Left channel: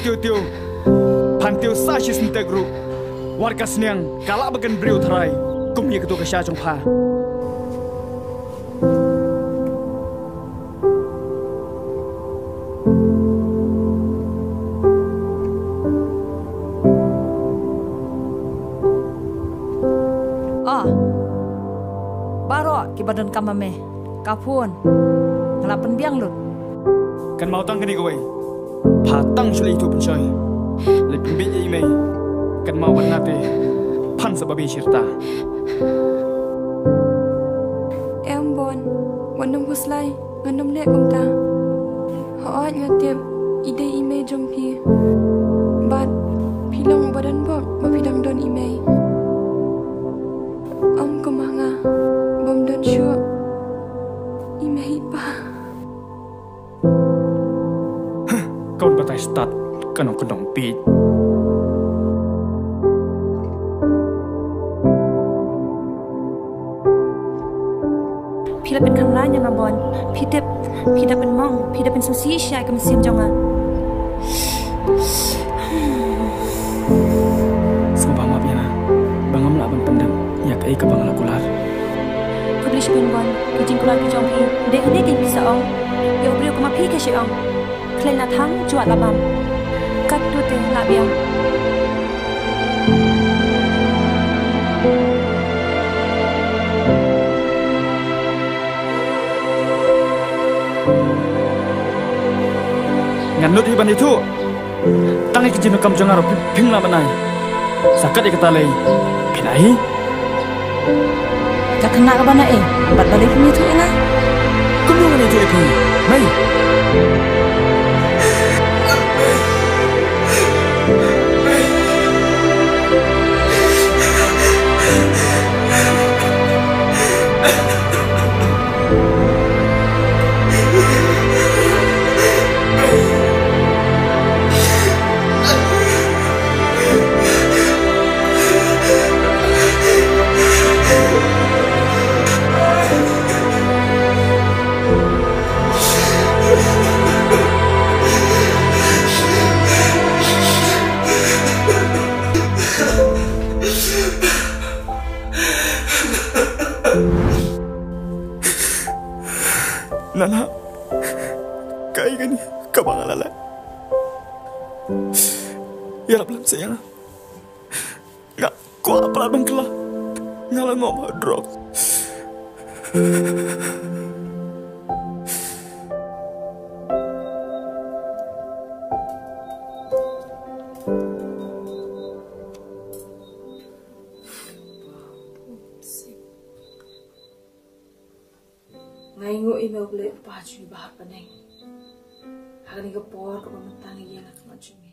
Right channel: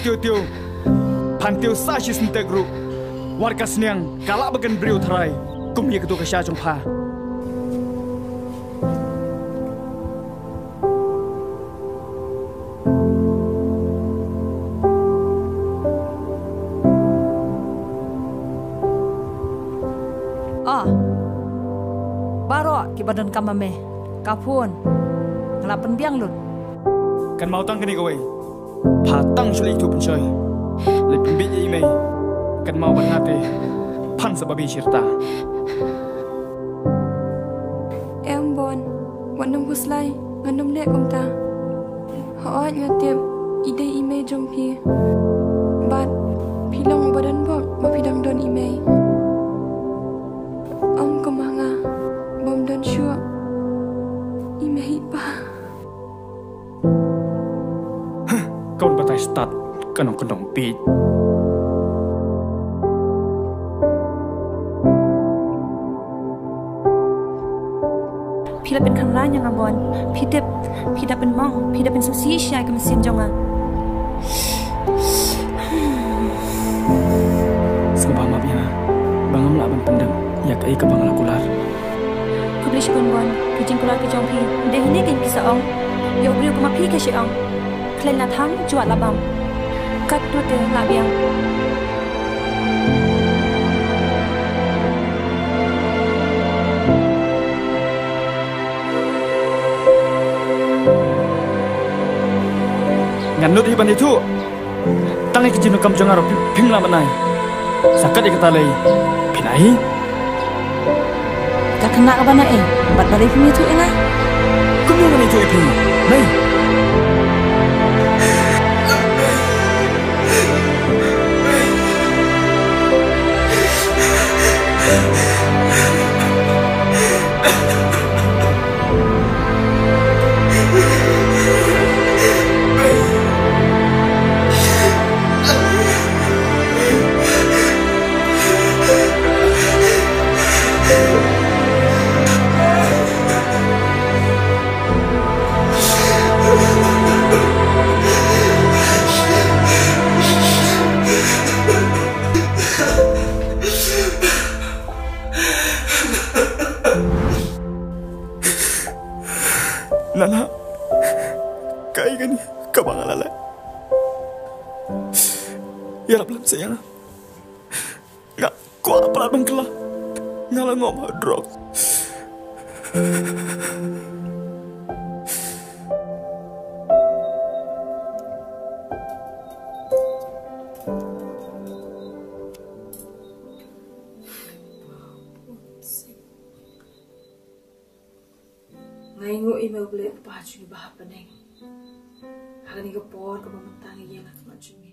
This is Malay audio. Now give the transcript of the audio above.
Tiu. Pantiu sasis integru. Warga seniang kalak bagan beriu terai. Kumia ketua kesya jongpa. Baro ki badan kamame. Kapun. Ngelapen biang lut. Kan mau tang kini kowe. Patang suli itu pencoy. Lebih biji imei. Kan mau benate. Pan sebabi cerita. Em bon. Wanam huslai. Nganam lek komta. Hoat ngatip. Ide imei jompi. Bat. Pilang badan bok. Mapidang don imei. Om kemanga. Bom dan syuk. Imei pa. Kau batai start. Kenong pit. Pilaเป็นคำร้ายยังอ่ะบอลพี่เดเป็นมองพี่เดเป็นซูซี่ชายกับซิมจงอ่ะ Sebab maaf ya, bangam laban pendem. Ya kei ke bangala kular. เขาบลิชเป็นบอลคือจริงกุลาพี่จองพี่เด็กนี่กินพิซซ่าองยกบริวก็มาพี่แค่เชองเคลนละทั้งจวดละบำกัดตัวเตะละเบียง Nganut hiban itu. Tangi kijino kam jangaro pimla manai. Sakat ikatalay. Pinai. Tak kena ke mana Bat balik film itu enggak? Kemana itu Epi? Mai. Nana, kaya gani kabangalala. Yarap lang sayang. Nga, kuha pala bang kala. Nga lang ngom drog. Ngay ngô email boleh apa cumi bahap peneng. Hari ni kepor kepamentang yang nak nak cumi.